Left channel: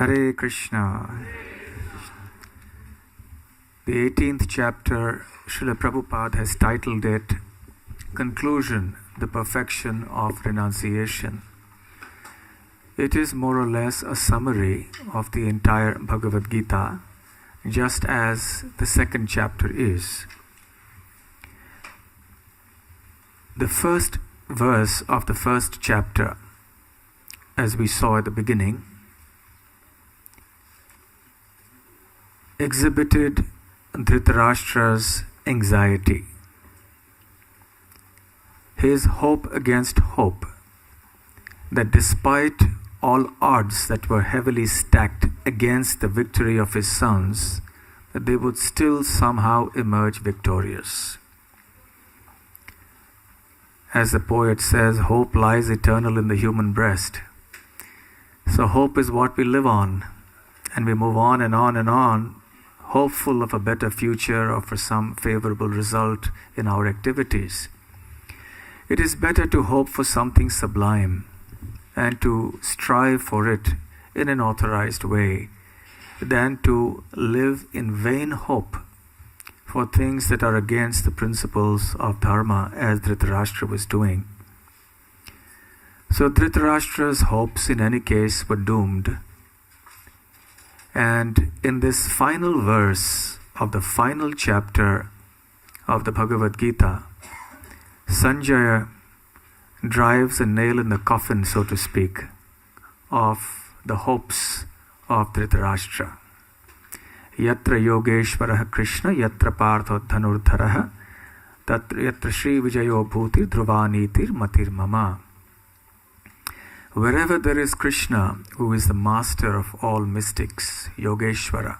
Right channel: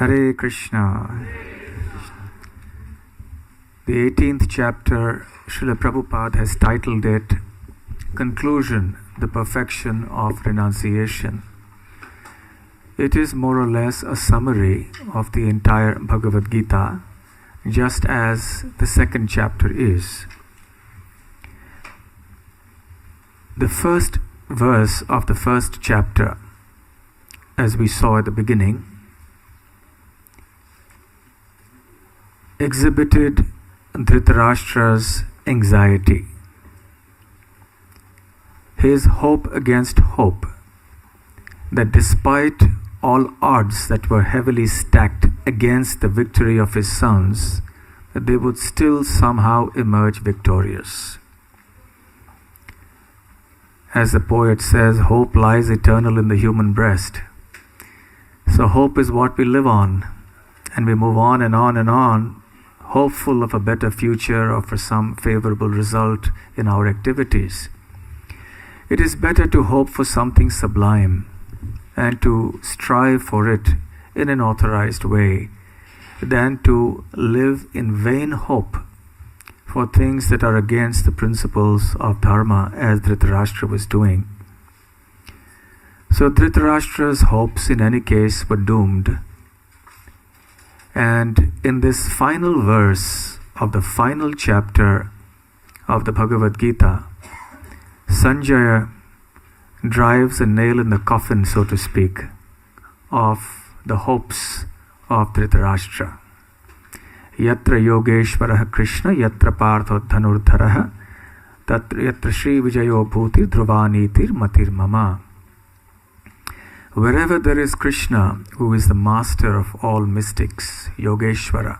Hare Krishna. The 18th chapter, Srila Prabhupada has titled it Conclusion, the Perfection of Renunciation. It is more or less a summary of the entire Bhagavad Gita, just as the second chapter is. The first verse of the first chapter, as we saw at the beginning, exhibited Dhritarashtra's anxiety, his hope against hope, that despite all odds that were heavily stacked against the victory of his sons, that they would still somehow emerge victorious. As the poet says, hope lies eternal in the human breast. So hope is what we live on, and we move on and on and on, hopeful of a better future or for some favorable result in our activities. It is better to hope for something sublime and to strive for it in an authorized way than to live in vain hope for things that are against the principles of dharma, as Dhritarashtra was doing. So Dhritarashtra's hopes in any case were doomed. And in this final verse of the final chapter of the Bhagavad Gita, Sanjaya drives a nail in the coffin, so to speak, of the hopes of Dhritarashtra. Yatra Yogeshwaraha Krishna, Yatra Partho Dhanurdharaha, Yatra Shri Vijayo Bhutir Dhruvanitir Matir Mama. Wherever there is Krishna, who is the master of all mystics, Yogeshwara,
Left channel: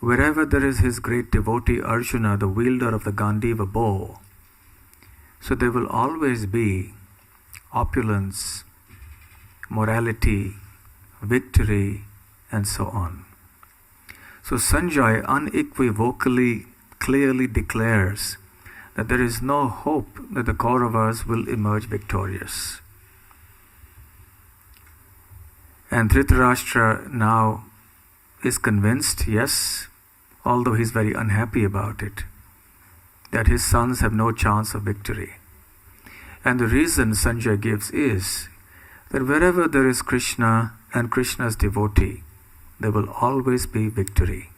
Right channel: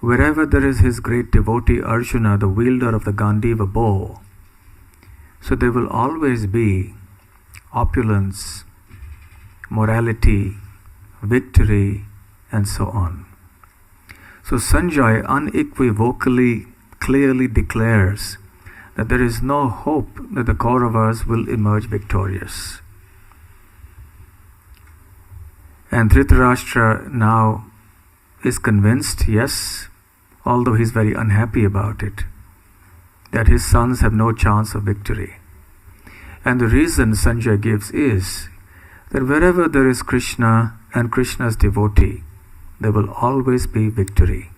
wherever there is his great devotee Arjuna, the wielder of the Gandiva bow, so there will always be opulence, morality, victory, and so on. So Sanjay unequivocally, clearly declares that there is no hope that the Kauravas will emerge victorious. And Dhritarashtra now is convinced, yes, although he's very unhappy about it, that his sons have no chance of victory. And the reason Sanjay gives is that wherever there is Krishna and Krishna's devotee, there will always be victory.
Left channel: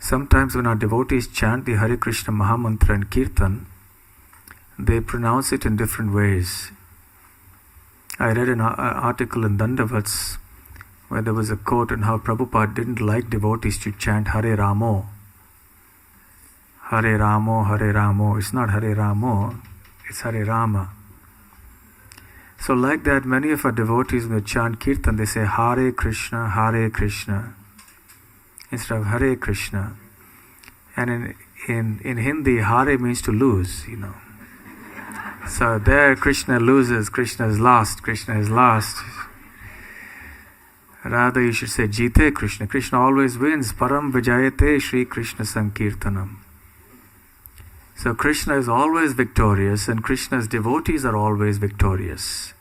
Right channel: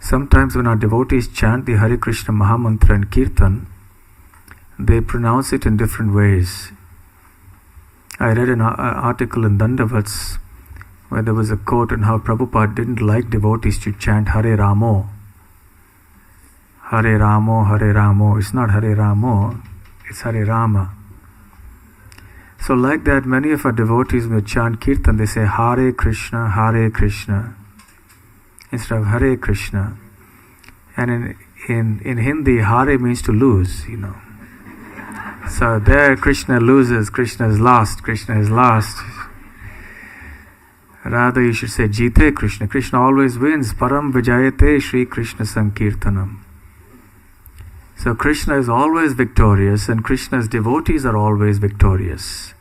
Sometimes when our devotees chant the Hare Krishna Mahamantra and Kirtan, they pronounce it in different ways. I read an article in Dandavats where there was a quote on how Prabhupada didn't like devotees to chant Hare Ramo. Hare Ramo, Hare Ramo. It's not Hare Ramo, it's Hare Rama. So like that, many of our devotees when they chant Kirtan, they say Hare Krishna, instead of Hare Krishna. And in Hindi, Hare means to lose, So there Krishna loses, Krishna is lost. Rather you should say Jite Krishna. Krishna always wins. Param Vijayate Shri Krishna Sankirtanam. So Krishna is always victorious and Krishna's devotees are always victorious.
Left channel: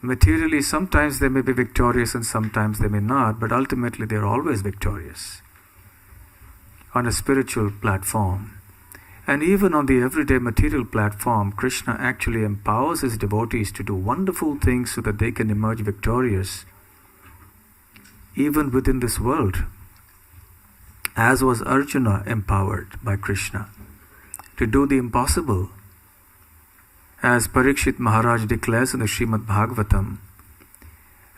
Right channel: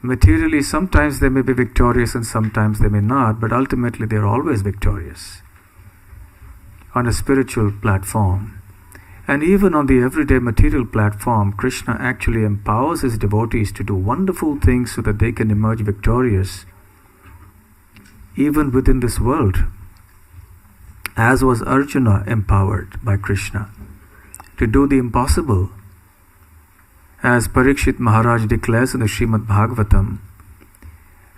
Materially, sometimes they may be victorious and sometimes they may not, but ultimately they are always victorious on a spiritual platform. And even on the everyday material platform, Krishna actually empowers his devotees to do wonderful things so that they can emerge victorious even within this world, as was Arjuna empowered by Krishna to do the impossible. As Parikshit Maharaj declares in the Srimad Bhagavatam,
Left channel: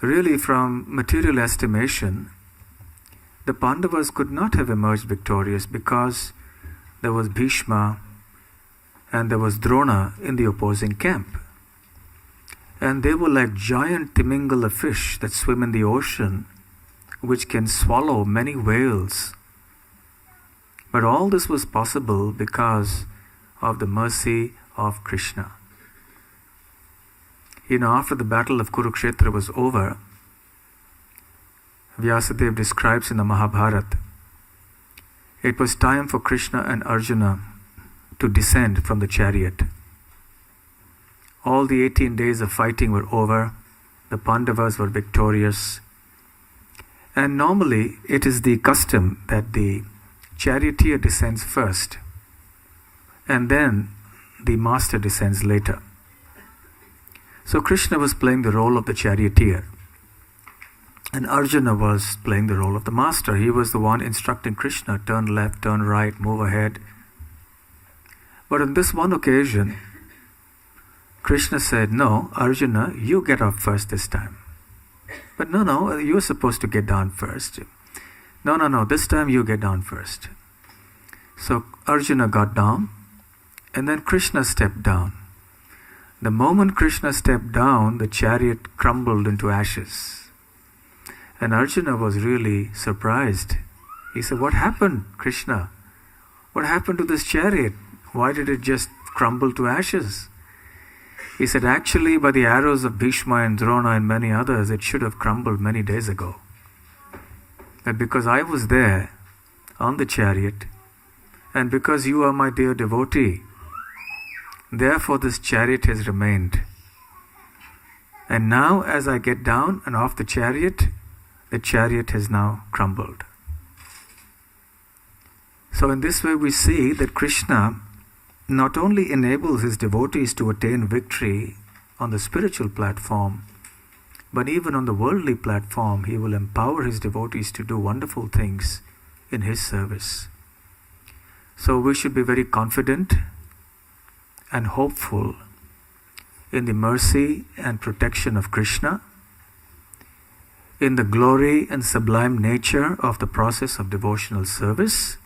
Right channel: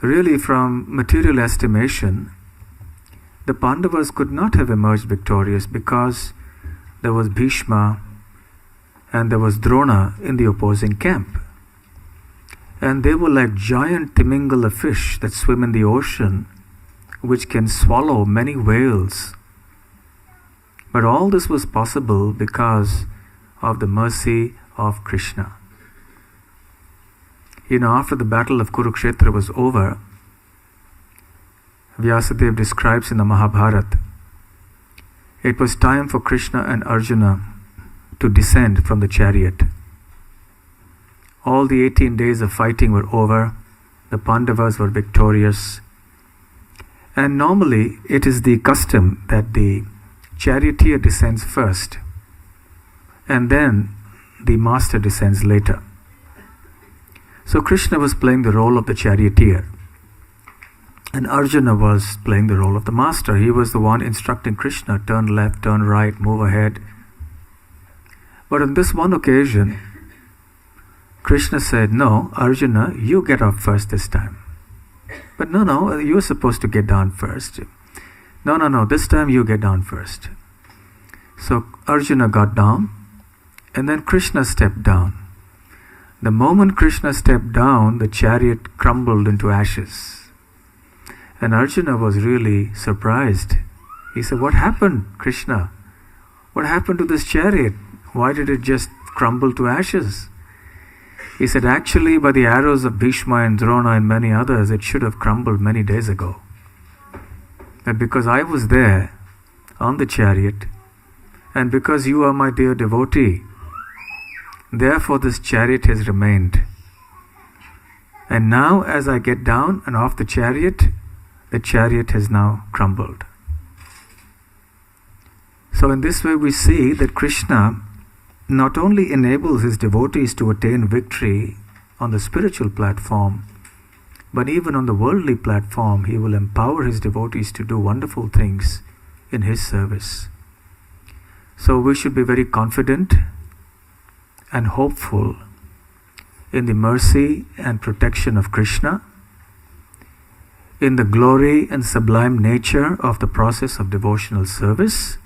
really from material estimation, the Pandavas could not have emerged victorious because there was Bhishma and there was Drona in the opposing camp. And they were like giant Timingala fish that swim in the ocean, which can swallow many whales. But all this was possible because of the mercy of Krishna. After the battle of Kurukshetra was over, Vyasadeva describes in the Mahabharata, it was time for Krishna and Arjuna to descend from the chariot. All the 18 days of fighting were over. The Pandavas were victorious. And normally it is the custom that the charioteer descends first and then the master descends later. So Krishna was playing the role of the charioteer and Arjuna was playing the role of the master. He was the one instructing Krishna, turn left, turn right, move ahead. But on this one occasion, Krishna said, no, Arjuna, you get up first this time. But no, you're supposed to get down first. No, this time you get down first. So Arjuna got down, and then Krishna stepped down. The moment Krishna stepped down, the chariot crumbled into ashes. And Arjuna was really surprised. He said, what happened, Krishna? What happened to this chariot? Why did it just crumble to ashes? He said, actually, by the arrows of Bhishma and Drona and many others, it should have crumbled many days ago. But because I was there on the chariot, and because you are my dear devotee, therefore this chariot has remained. And now as I get down and off the chariot has now crumbled. So in this way we see that Krishna not only enables his devotees to attain victory on the spiritual platform, but even on the worldly platform, he will empower his devotees to do wonderful things in his service. So we should be very confident and hopeful in the mercy and protection of Krishna, in the glory and sublime nature of the process of devotional service,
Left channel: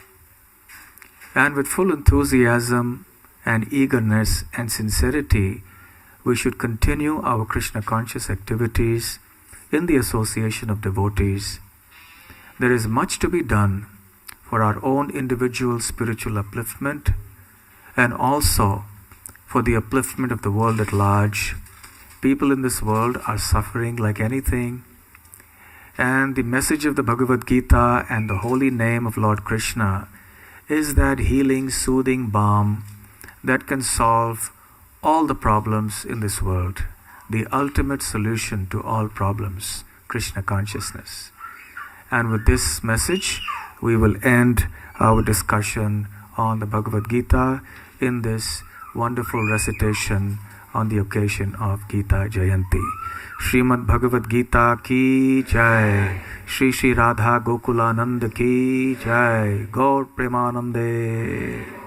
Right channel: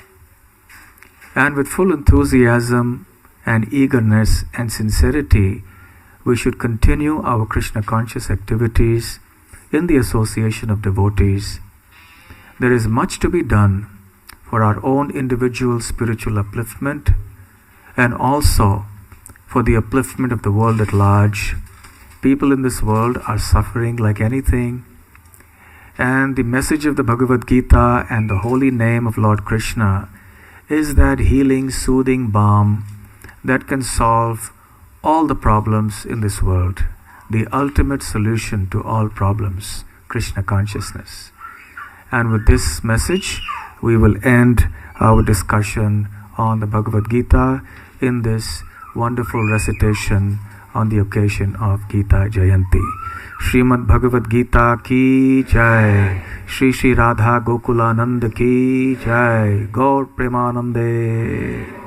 and with full enthusiasm and eagerness and sincerity, we should continue our Krishna conscious activities in the association of devotees. There is much to be done for our own individual spiritual upliftment and also for the upliftment of the world at large. People in this world are suffering like anything, and the message of the Bhagavad Gita and the holy name of Lord Krishna is that healing, soothing balm that can solve all the problems in this world, the ultimate solution to all problems, Krishna consciousness. And with this message, we will end our discussion on the Bhagavad Gita in this wonderful recitation on the occasion of Gita Jayanti. Srimad Bhagavad Gita ki jai, Shri Shri Radha Gokulanand ki jai, Gaur Premanande.